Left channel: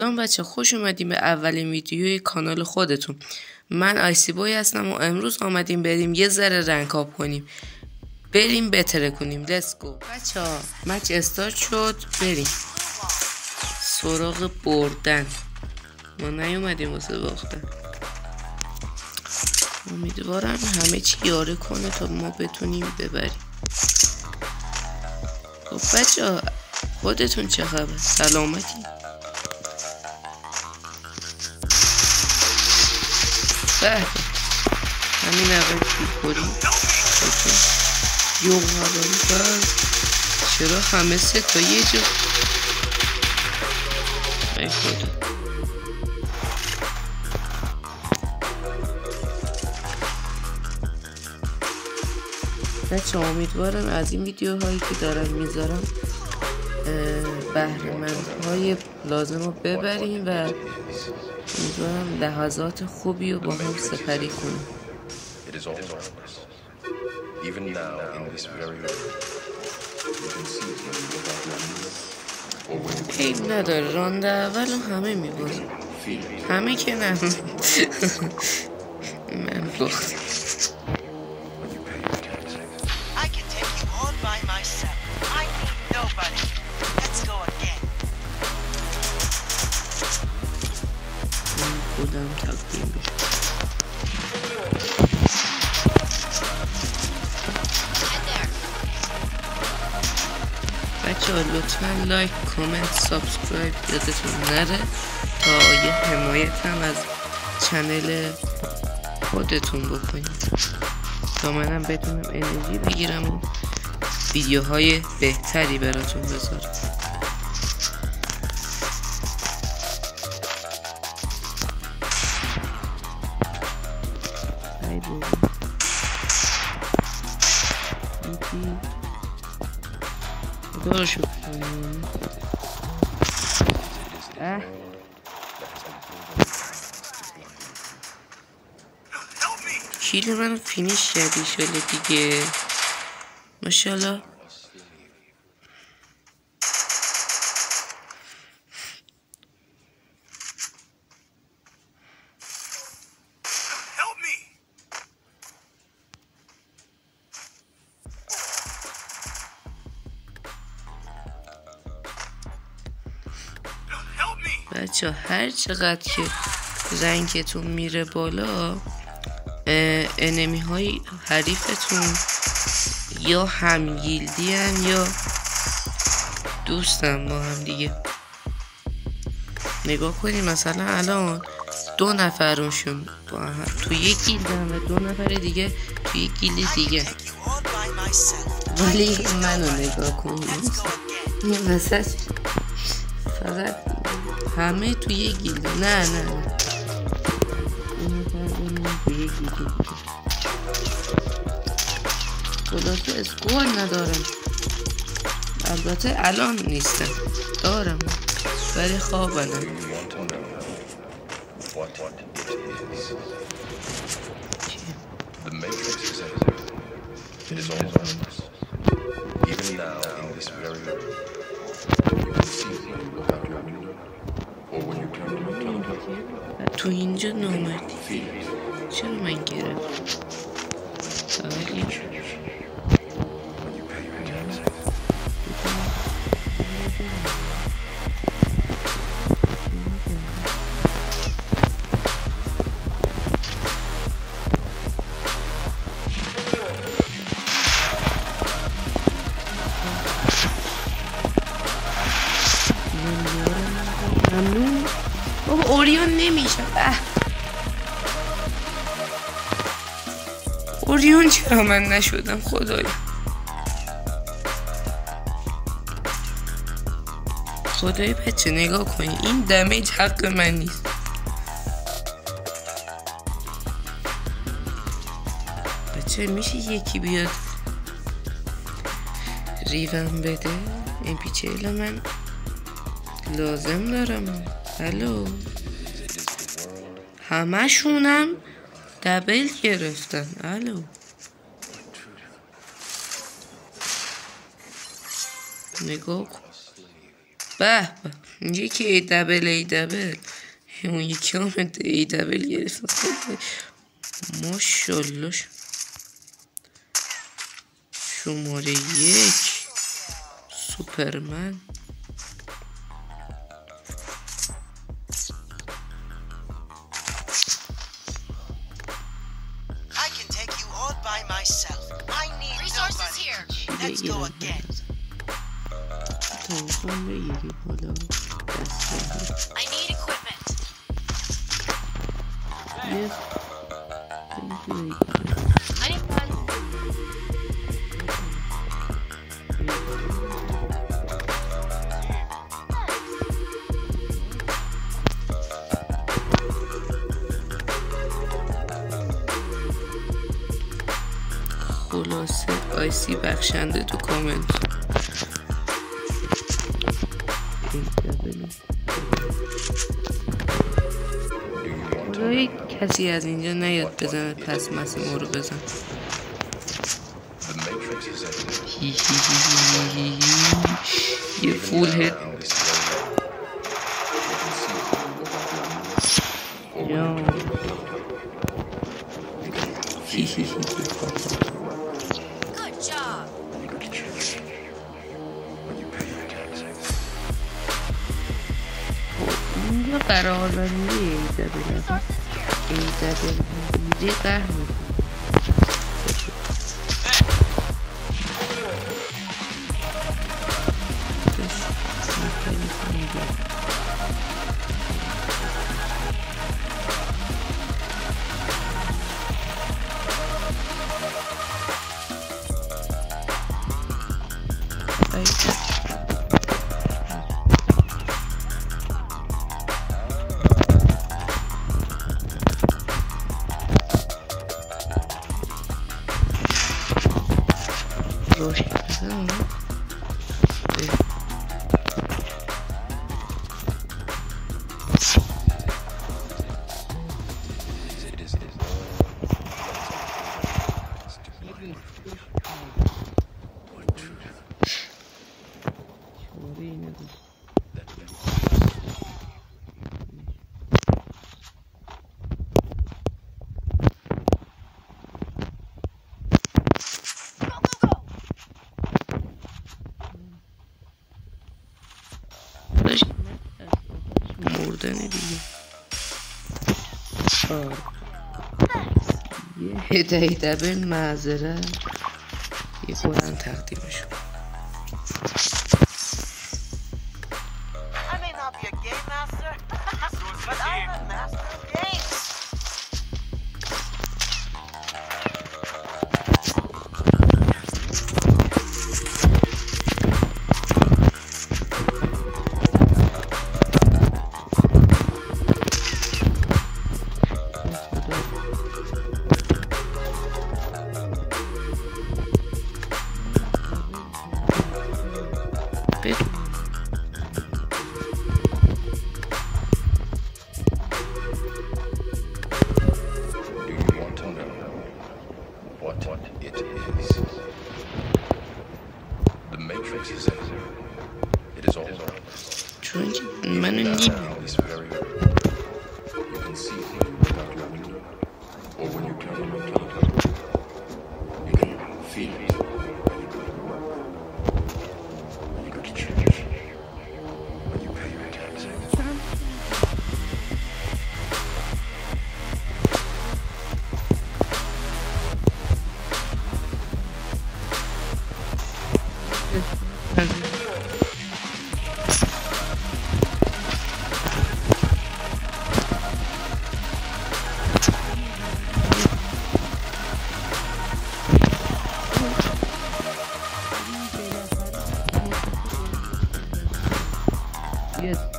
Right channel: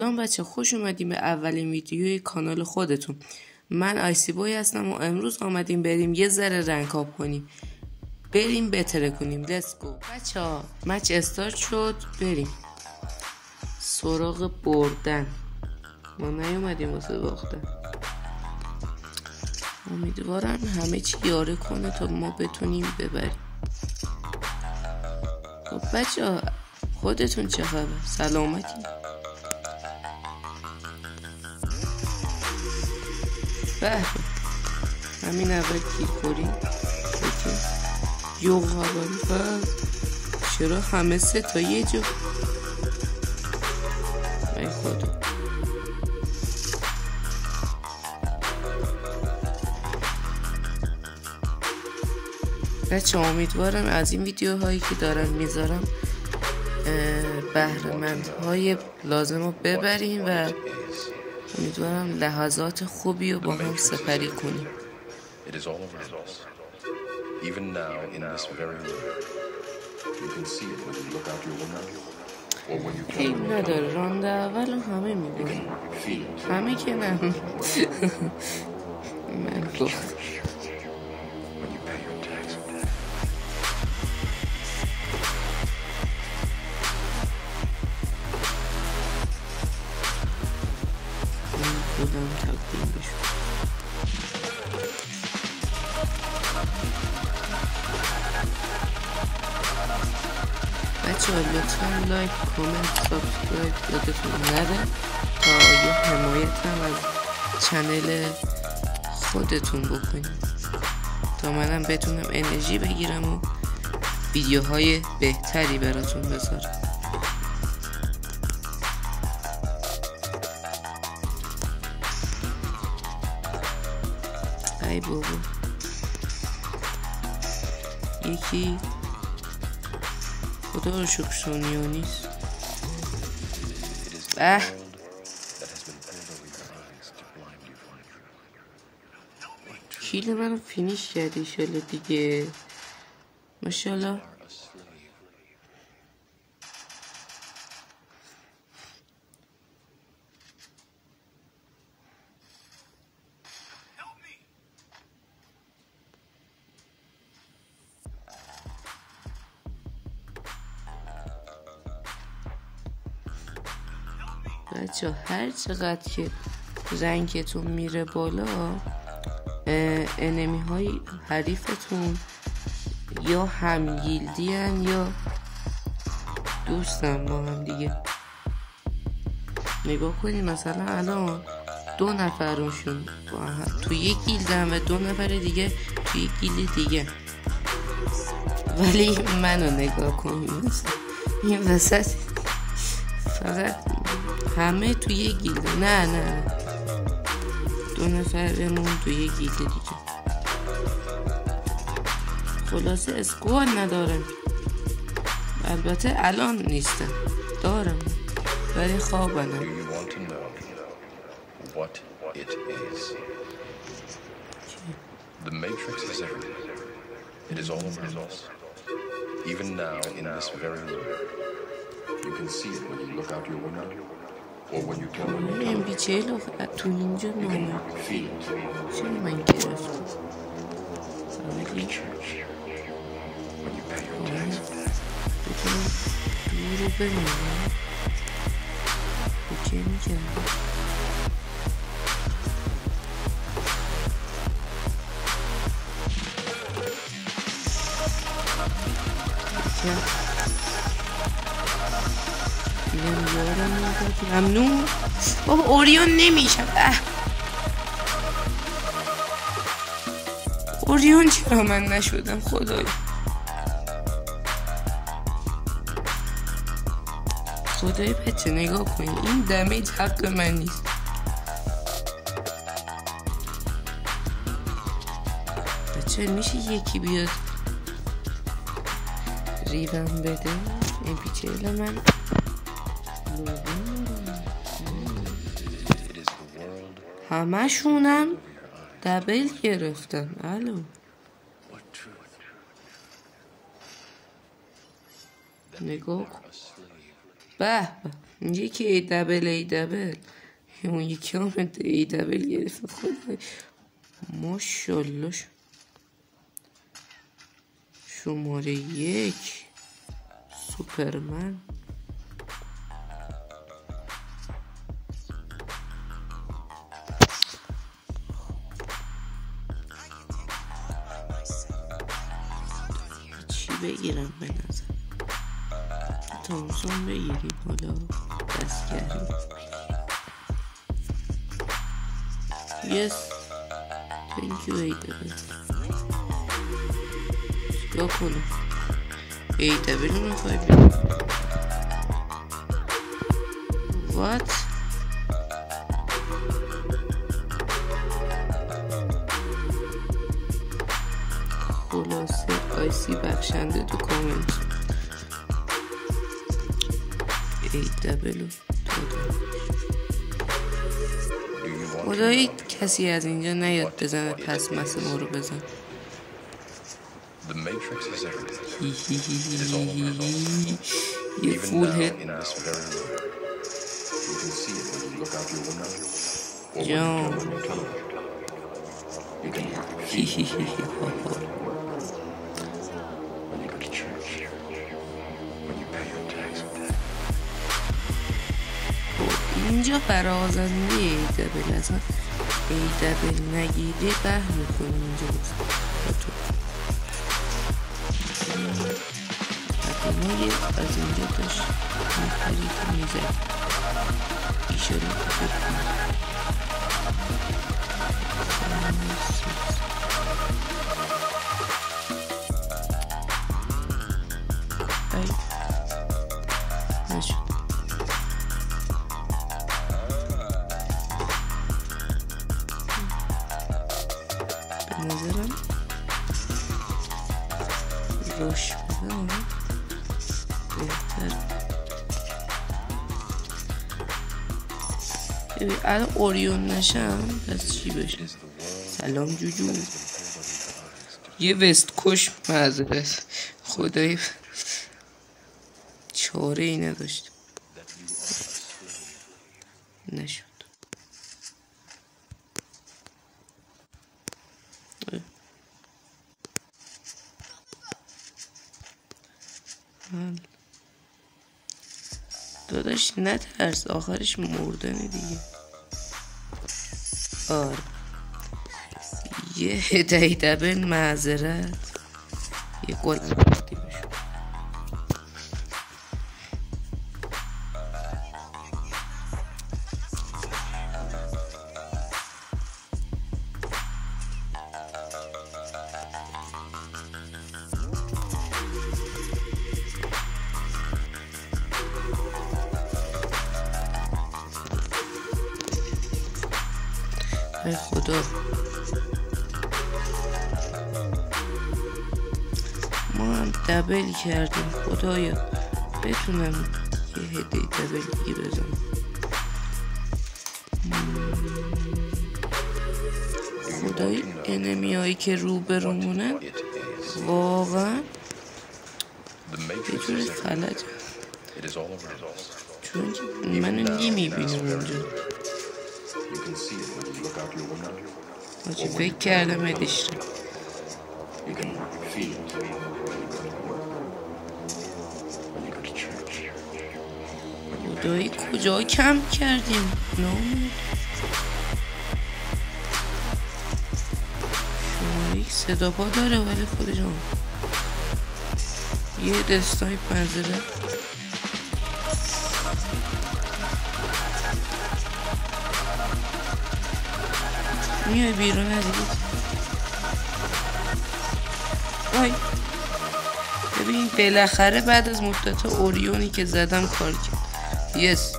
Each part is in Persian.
سلام بچه، خوش اومدیم به اولین ویدیوی کانال خودتون. من آیسی بوی هستم و امروز آمدیم بریم یه ذره رنکاب کنیم، بریم بتره کنیم. لیتس گو بچه ها. مچ استارت شد، بریم سراغ بردن. ما نیومدیم واسه باختن. امیدوارم همه چی یاره کنه تا ما بتونیم ببریم. خب بچه ها، خودتون چه خبر؟ سلامتی؟ همین اول میخوری یو هواری بس. چرا همه سه تا یه جا؟ ای خدا. بچه امیدوارم از این ویدیوهایی که دارم میذارم بهره‌مندهای لازم رو ببریم و امیدوارم لحظات خوبی رو با هم سپری کنیم. حیف نداره، راند اول رو همه میباریم. همه که نه. من باخت. خودم تقدیم بشم. بچه ها لطفا لایک، کامنت، سابسکرایب یادتون نره تا یه حمایت هم از چنل خودتون بکنید تا منم بتونم انرژی بگیرم و ویدیوهای بهتری براتون بذارم. ای بابا، یکی خدا رو شکر سونیو نیست. کیل منو فینیش کردی شاله دیگه، ماشاءالله. بچه هر چقدر که رنگتون میره بالا، انمی های حریفتون یا همگیلدی هن یا دوستن با هم دیگه. نگاه کنید مثلا الان 2 نفرشون با هم تو یک گیلدن و 2 نفر دیگه تو یک گیلد دیگه، ولی منو نگاه کنید این وسط فقط همه تو یک گیلده. نه 2 نفر بمون تو یک گیلده دیگه. خلاصه اسکواد ندارم، البته الان نیستم، دارم ولی خوابنم. The Matrix is everywhere. It is all around us. Even now, in this very room. You can see it when you look out your window, or when you turn on your television. تو اینجا نامردی چرا من گرفتم؟ When you pay your taxes. بتونم دور رو ببینم چه میگردم. ممنون. اوریون نمیشم. اوریون چرا من نشدم خدایا؟ خدای بچه نگاه کنی، این دمیج حق من نیست. بچه میشه یکی بیاد ریوم بده؟ این پیچه من لازم دارم. هلو، همه شونم دبل گرفتن. هلو، نگاه کن. به به. یکی ای دبل اون یکی هم ای دبل گرفت. ماشالله. شماره 1 سوپرمن. چی بگیرم تامسون بگیری بالا دستگری. Yes. Thank you ای دبل. یا کنم ای دبل رو میخوای بگیرم. What؟ خلاصه آیسی بخشنده تو کامنت. ای دبلو خدایی کسی از اینجا نیاد بزنه پس مثل ما رو بزن. یه فول هد جان. اینجا برازنده ای دبل اصلا ای دبل نگیری قهر میکنه اینجا. از اینجا داشت میپرید میزد. روش بزن بهتر. الان اوریون نشم پس چی بشه؟ سلام جوجو. یه وست کش معذرت خدایی چاره ای نداشت نشد. داداش نترس آخرش مردنه دیگه. یه هدهی دبل معذرت یه گلم تقدیمشون. خدا ما هم دبل کردیم خدایا بتونم یه هدیه دبل بگیرم. خدای انمی هایی که رو برمونن واقعا فلج چون که منو نمیبینم. فکر کردم ادیش دایی کجا کم کردیم نامید شما یک صدا پا داره ولی خودشون یه دستای پنزره میای بیرون از این. ببین بالاخره بعد از مدت اوریونی که زدم کار کرد. یس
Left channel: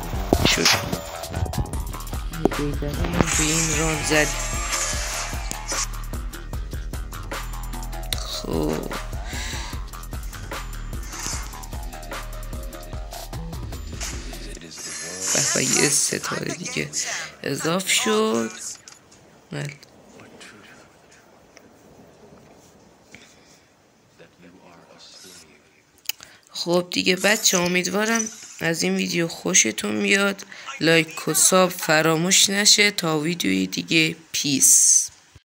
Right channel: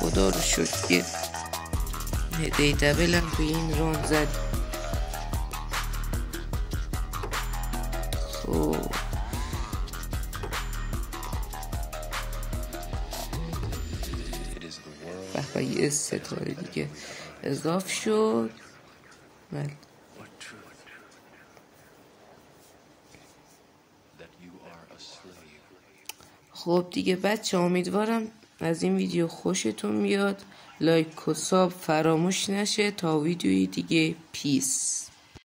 خدا رو شکر یه هدیه دبلم تو این ران زد. خب و یه ستاره دیگه اضاف شد. خب دیگه بچه امیدوارم از این ویدیو خوشتون بیاد. لایک و ساب فراموش نشه. تا ویدیوی دیگه پیس.